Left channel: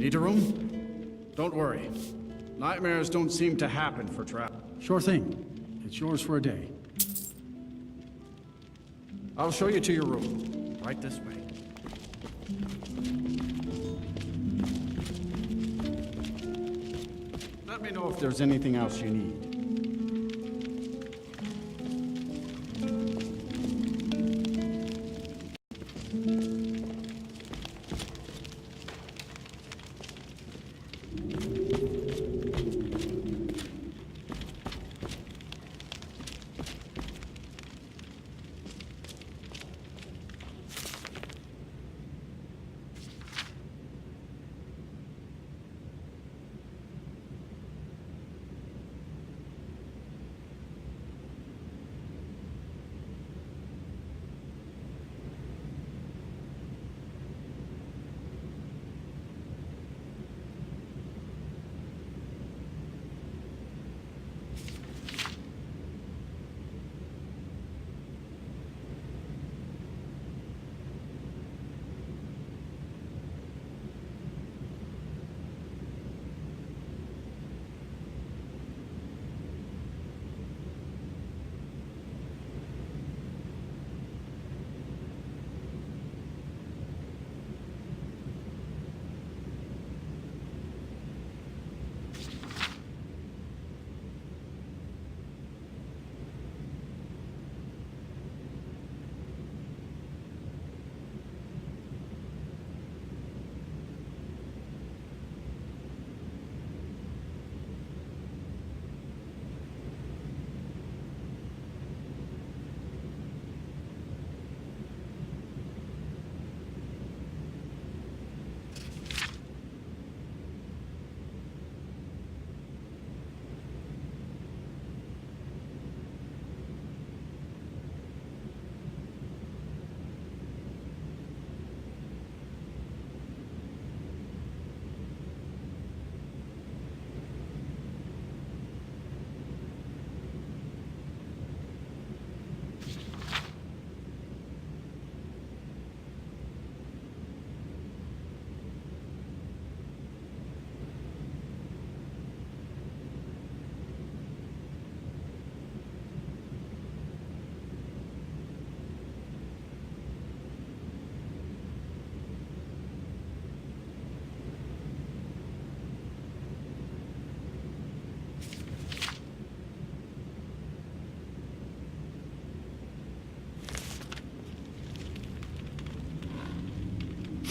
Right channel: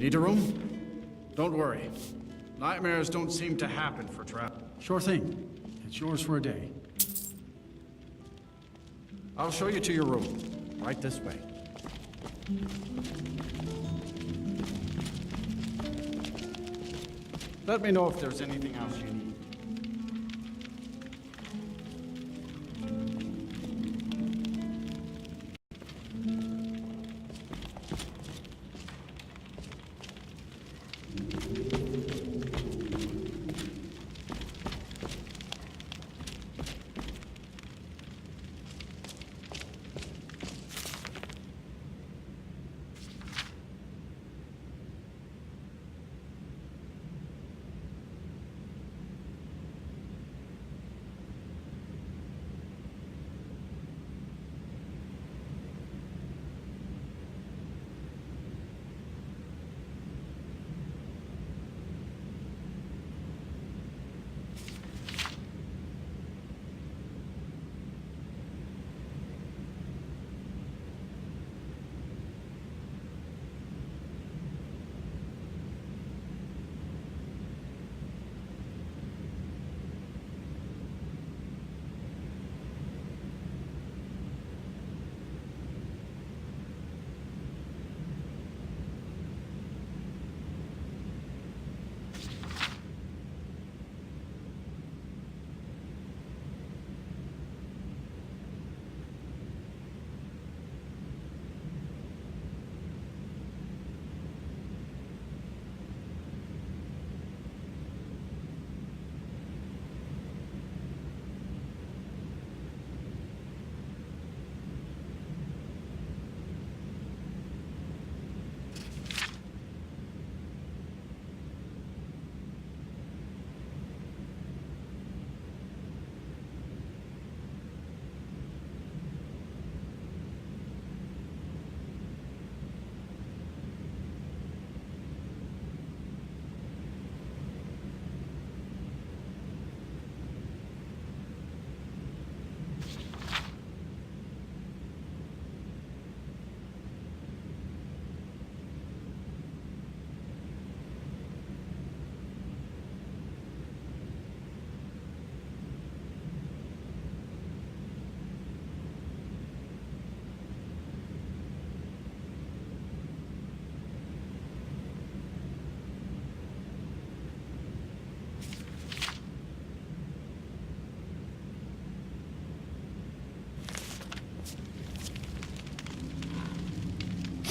Need a room? Don't worry. Nightmares don't seem to happen for travel. Sure thing. It's yours for a day. I'll show you to your room. Right this way. Let me know if there's anything else you need.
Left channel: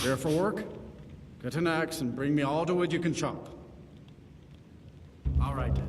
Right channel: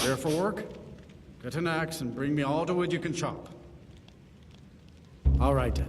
There for work? Get an axe and bring me all the wood you can chop. All right then.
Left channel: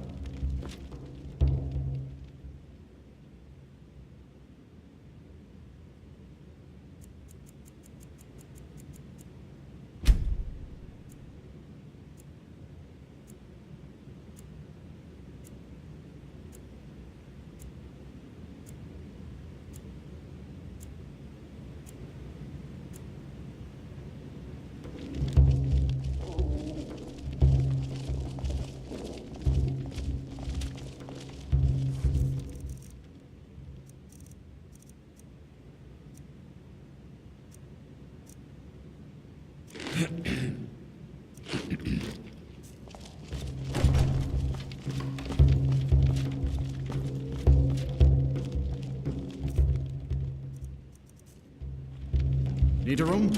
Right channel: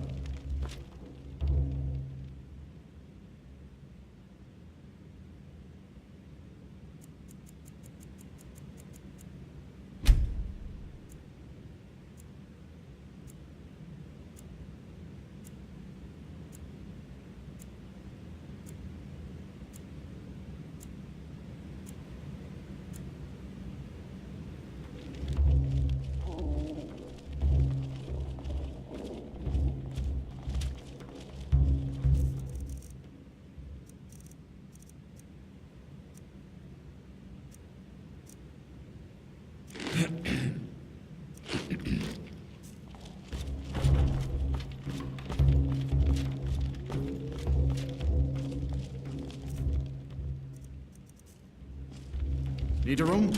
Need a room?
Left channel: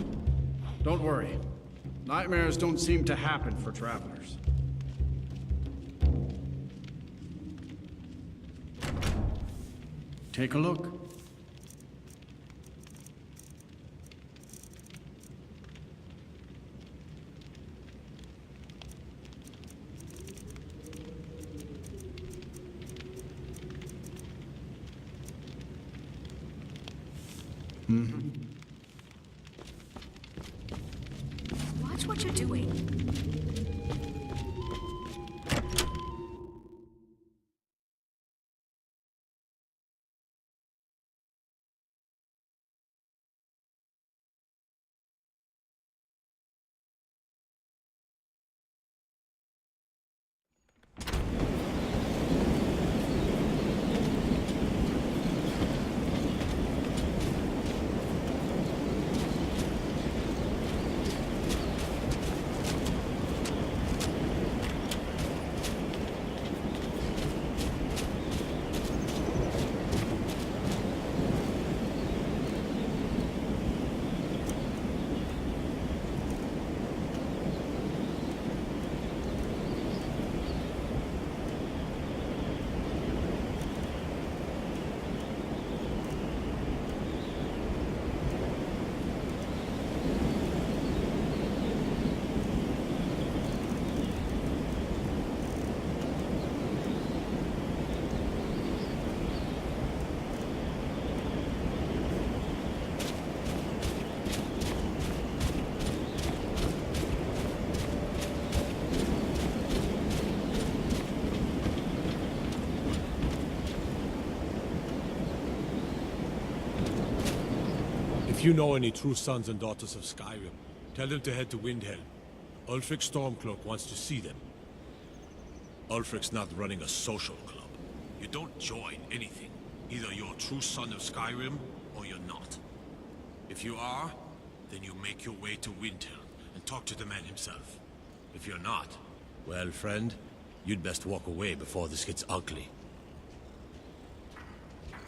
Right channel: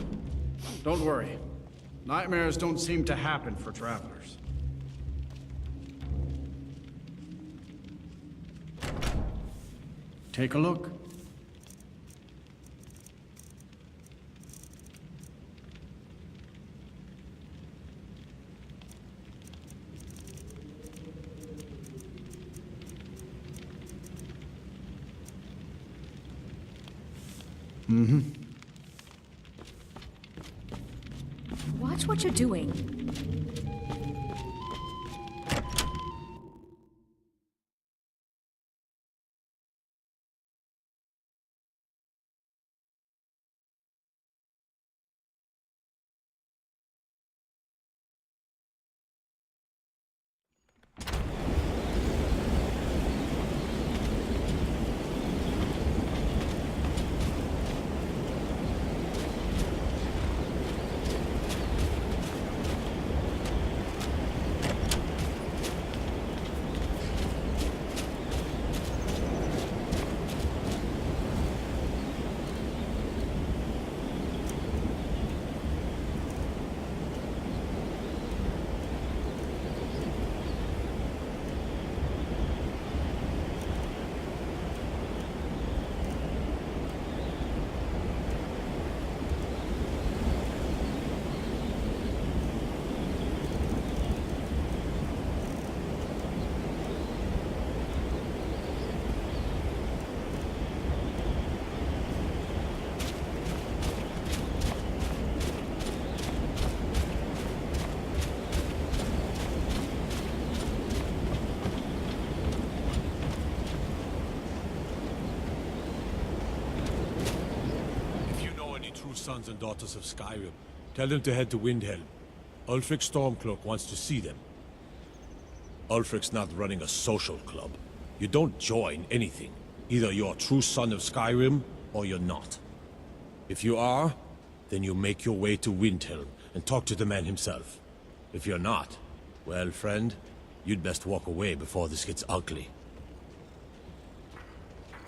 Don't worry. Nightmares don't seem to happen for travelers. Take a look. Mm-hmm. Watch what you're doing. If you know any true sons and daughters of Skyrim, tell them to head to Windhelm. Ulfric Stormcloak wants to see them. Ulfric's not running a social club. You don't join anything. Either you're a true son of Skyrim, or you're not. If you are, then you make your way to Windhelm and talk to the man himself. If you're not, well, friend, you'd best walk away before this gets ugly.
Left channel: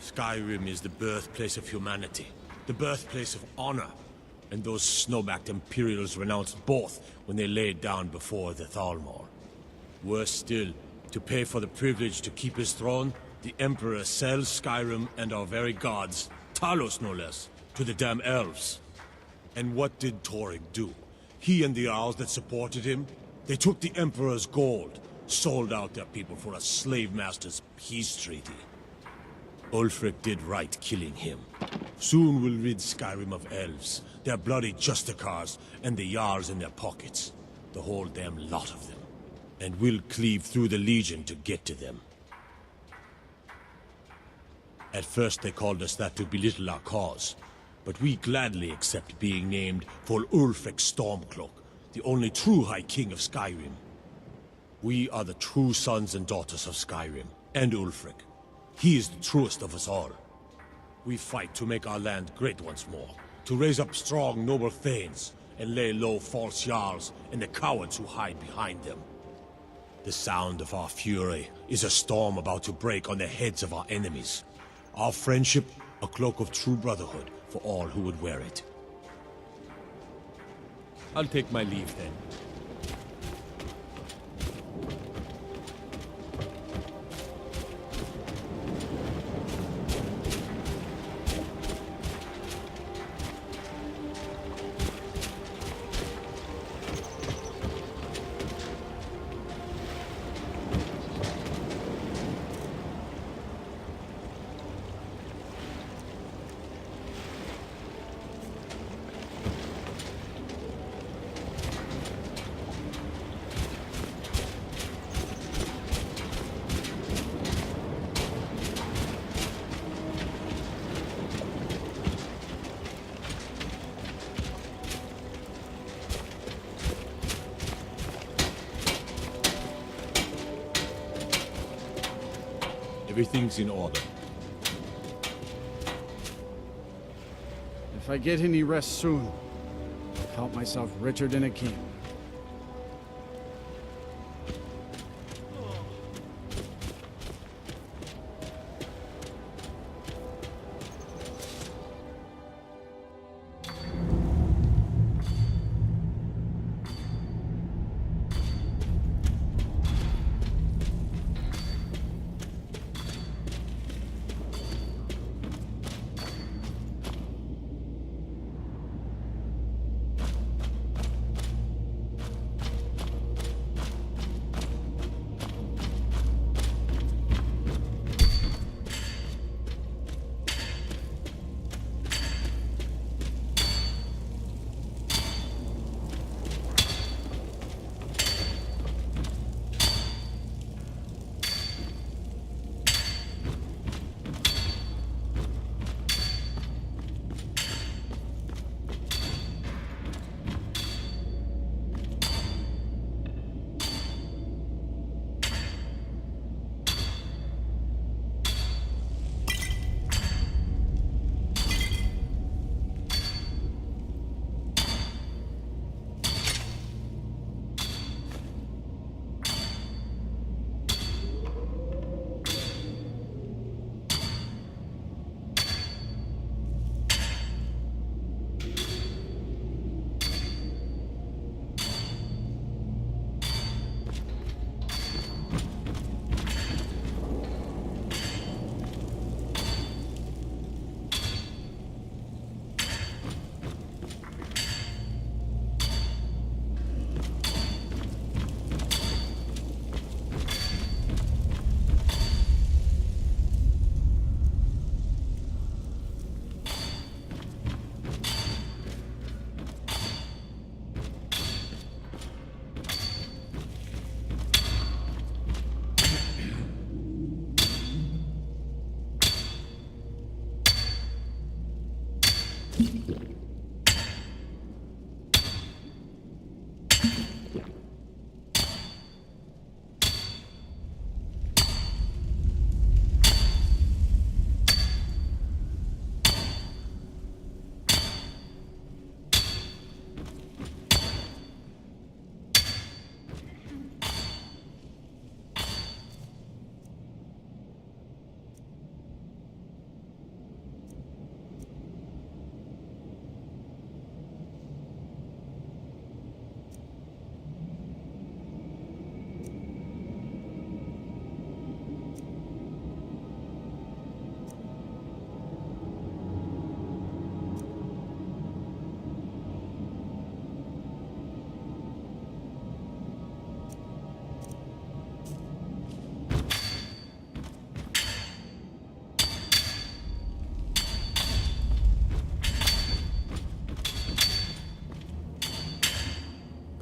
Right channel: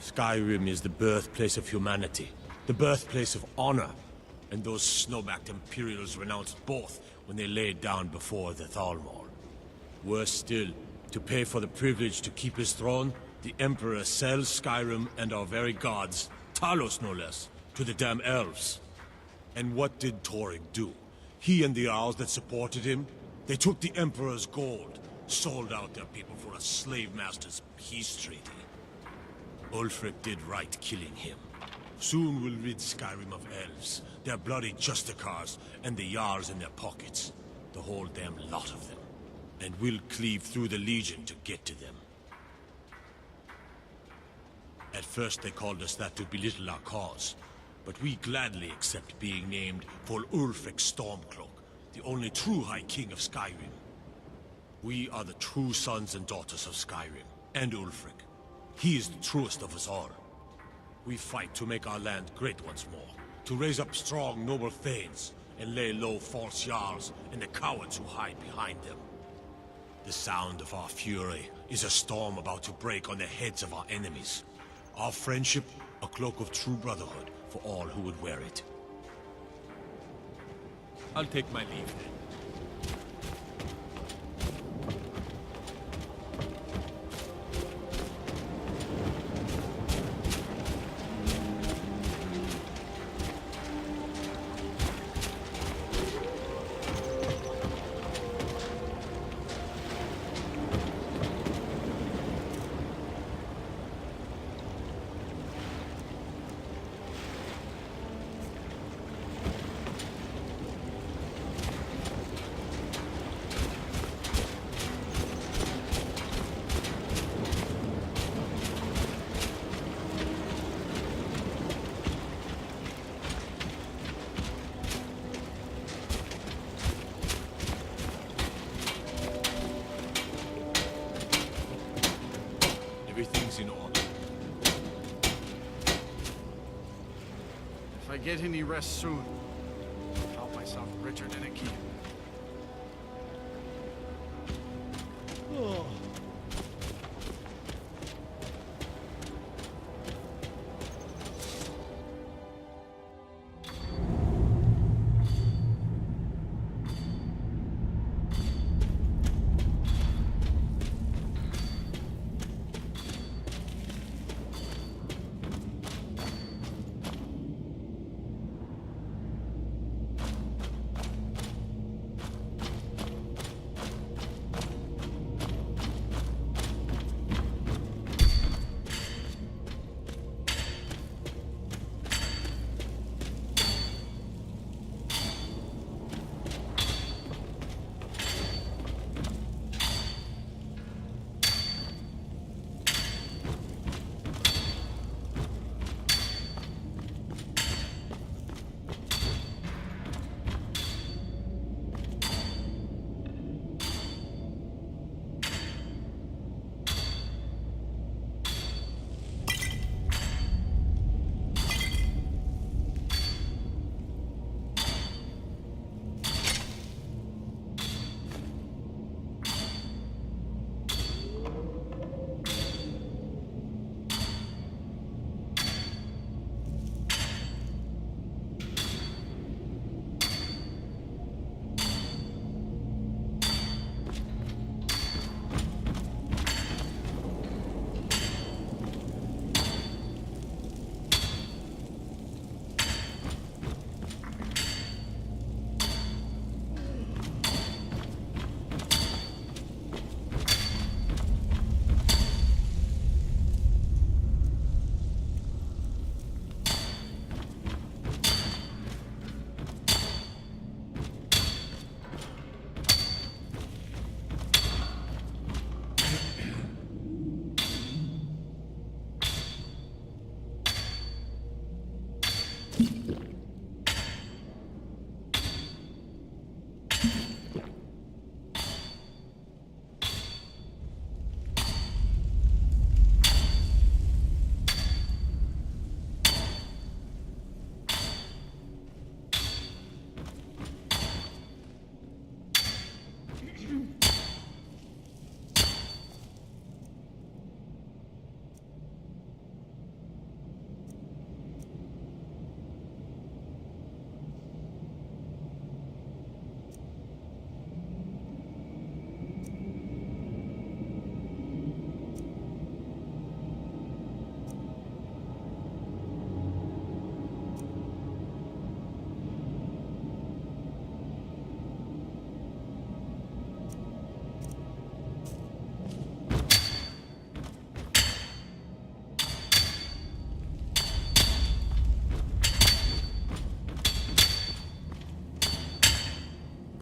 Skyrim is the birthplace of humanity, the birthplace of honor, and those snow-backed Imperials renounced both when they laid down before the Thalmor. Worse still, to pay for the privilege to keep his throne, the Emperor sells Skyrim and our very gods, Talos no less, to the damn elves. And what did Torygg do? He and the Owls that supported him? They took the Emperor's gold, sold out their people for a slave master's peace treaty. Ulfric did right killing him. Soon we'll rid Skyrim of elves, their bloody Justicars, and the Jarls in their pockets. The whole damn lot of them. And we'll cleave through the Legion to get to them. At first they called us that to belittle our cause, but we gladly accept being named for Ulfric Stormcloak, the only true High King of Skyrim. We are the true sons and daughters of Skyrim, and Ulfric. He is the truest of us all. We fight to make our land great once more, to raise up strong, noble thanes, and lay low false Jarls and the cowards who hide behind them. The sound of our fury is a storm about to break on the heads of our enemies. Our friendship, a cloak of true brotherhood for all who would wear it. I'll take my leave then. Everything's in order. If I get any rest soon, I'll count myself richer than a king.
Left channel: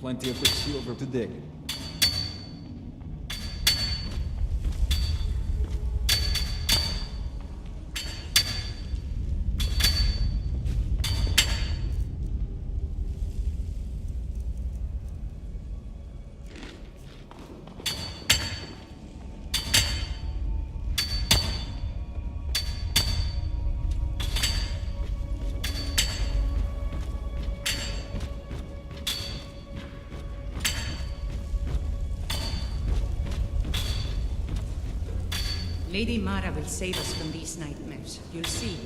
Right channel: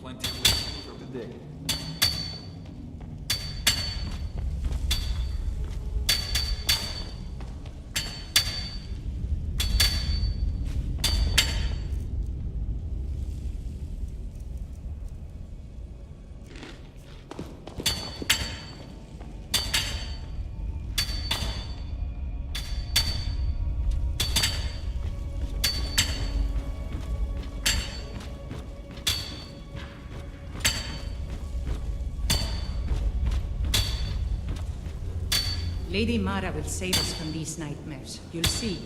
Plenty of rich silver to dig. Lady Mara will save us from these nightmares. You'll see.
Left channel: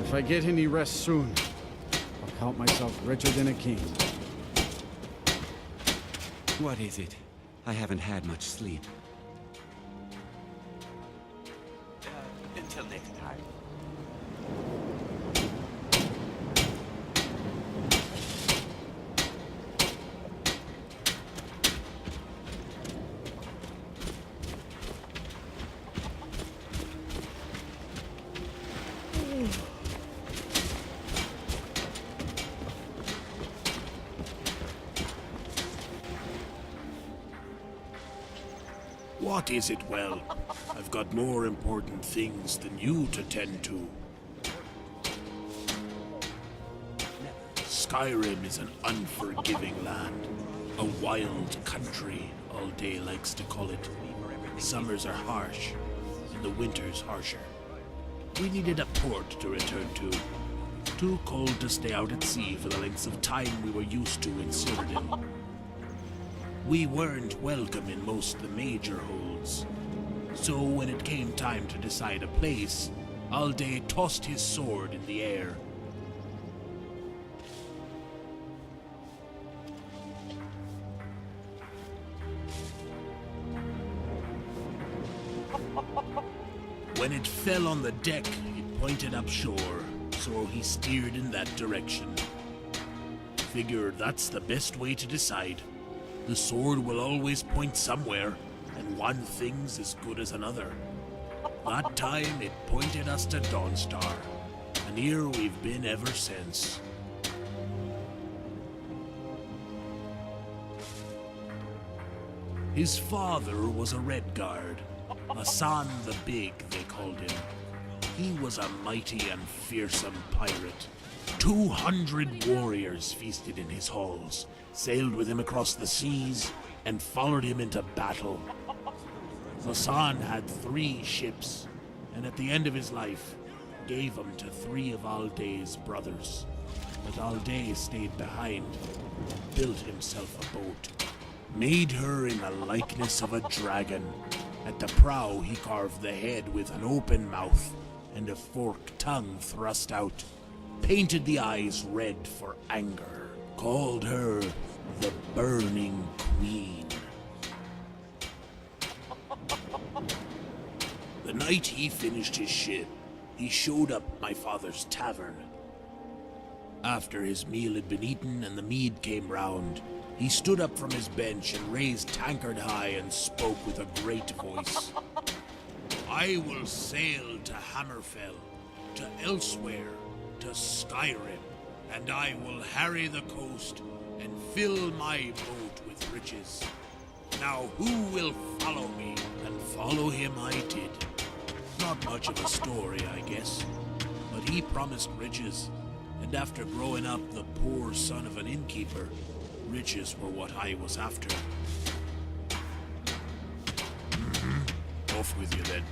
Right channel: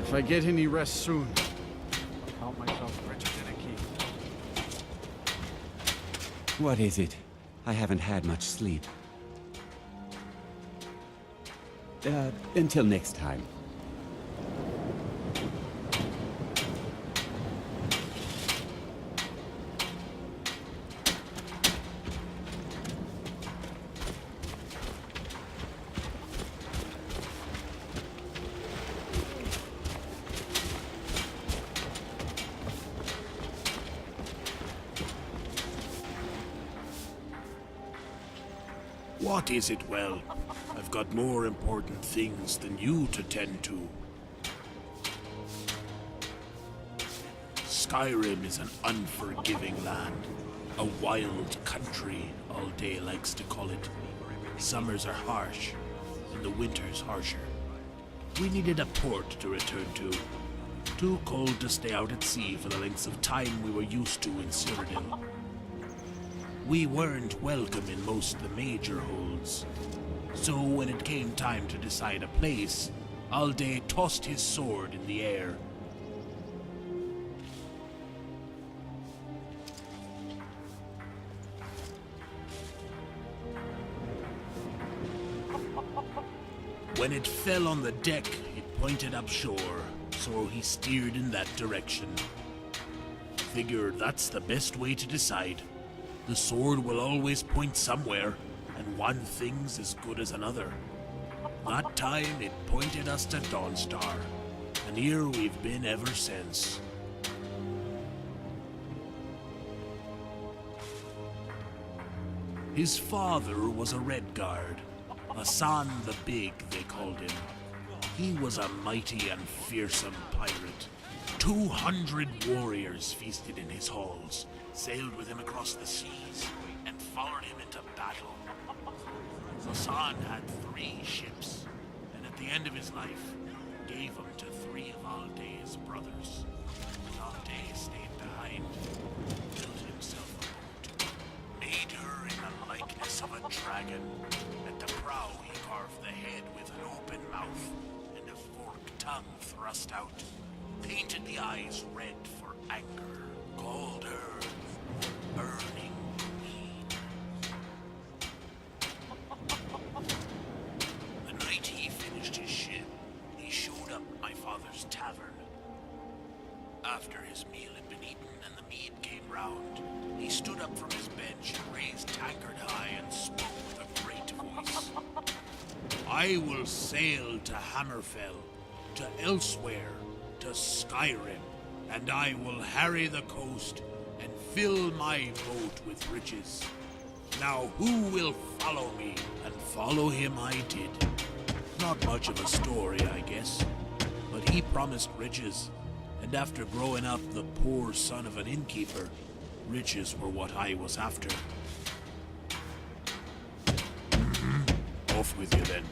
If I get any rest soon, I'll count myself richer than a king. What is it? I haven't had much sleep. Until next time. What is it, well? I've got more important things than you to tend to. Skyrim is an unforgiving land. A wild country, Alday likes to call it. Summers are harsh, and the winters harsher. We needed a port to return to. Too cold to stay out at sea for the lengths of time we were used to in Cyrodiil. We weren't welcome in most of the major holds. So when it came time to decide a place, Alday tossed his sword in the air. When it fell on the deck, it pointed up shore, so he steered in that direction. Figure that's the best way to decide. The sword will always point somewhere, and one thing's as good as another. That time, it pointed us to Dawnstar, and here we've been ever since. His father was a Redguard, Hassan the Big, they called him. He was a mighty and fearsome pirate. 200 warriors feasted in his halls, sailed with him across the seas, and followed him into battle. Hassan had 3 ships, and at the end of his life, gave them to 3 of Alday's brothers. But Alday stayed behind, built himself a boat, made her in the likeness of a dragon. At the prow, he carved the head with an open mouth and a forked tongue thrust out, painted the eyes red for anger, called her the Burning Queen. The night he finished his ship, he showed up at my father's tavern. After his meal had been eaten and the mead came round, he stood up from his bench and raised tankard high and spoke with a great voice. I will sail to Hammerfell, to elsewhere, to Skyrim, and I will harry the coast and fill my boat with riches. Now who will follow me? And follow him I did. Not much of a story, I guess, but he promised riches, and after growing up the poor son of an innkeeper, riches were what I was after. Off with you then.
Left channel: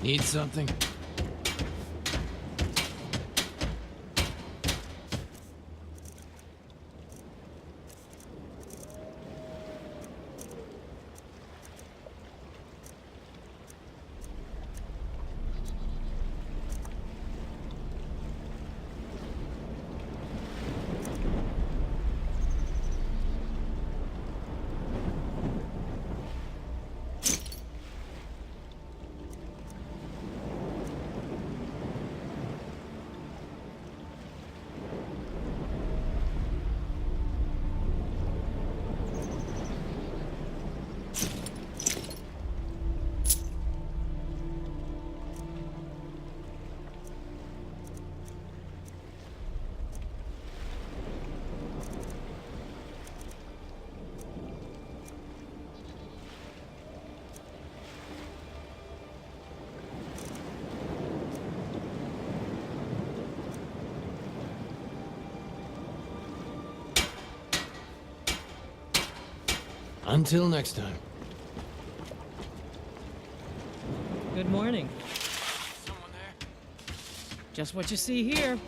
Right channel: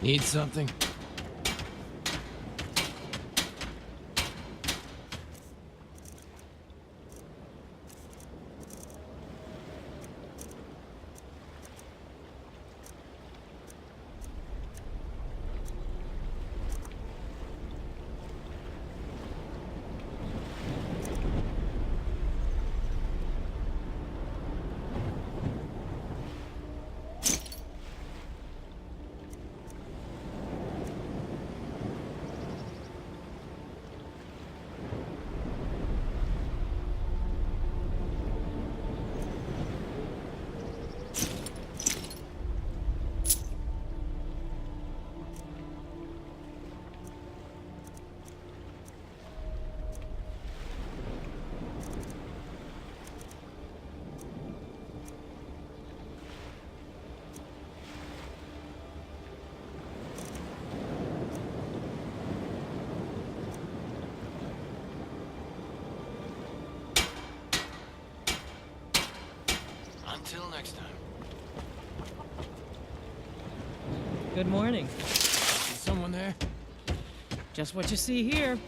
Need something? Until next time. Good morning. Is someone there? Just what you see here.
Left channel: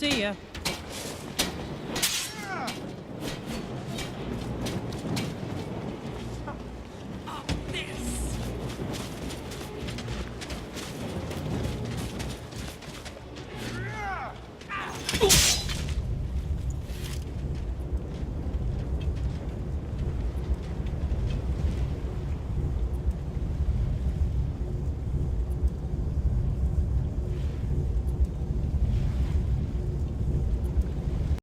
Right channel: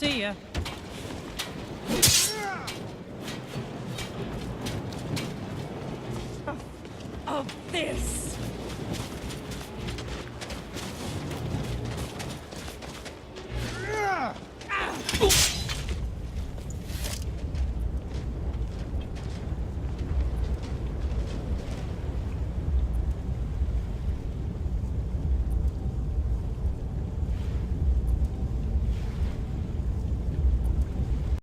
See ya. Of this!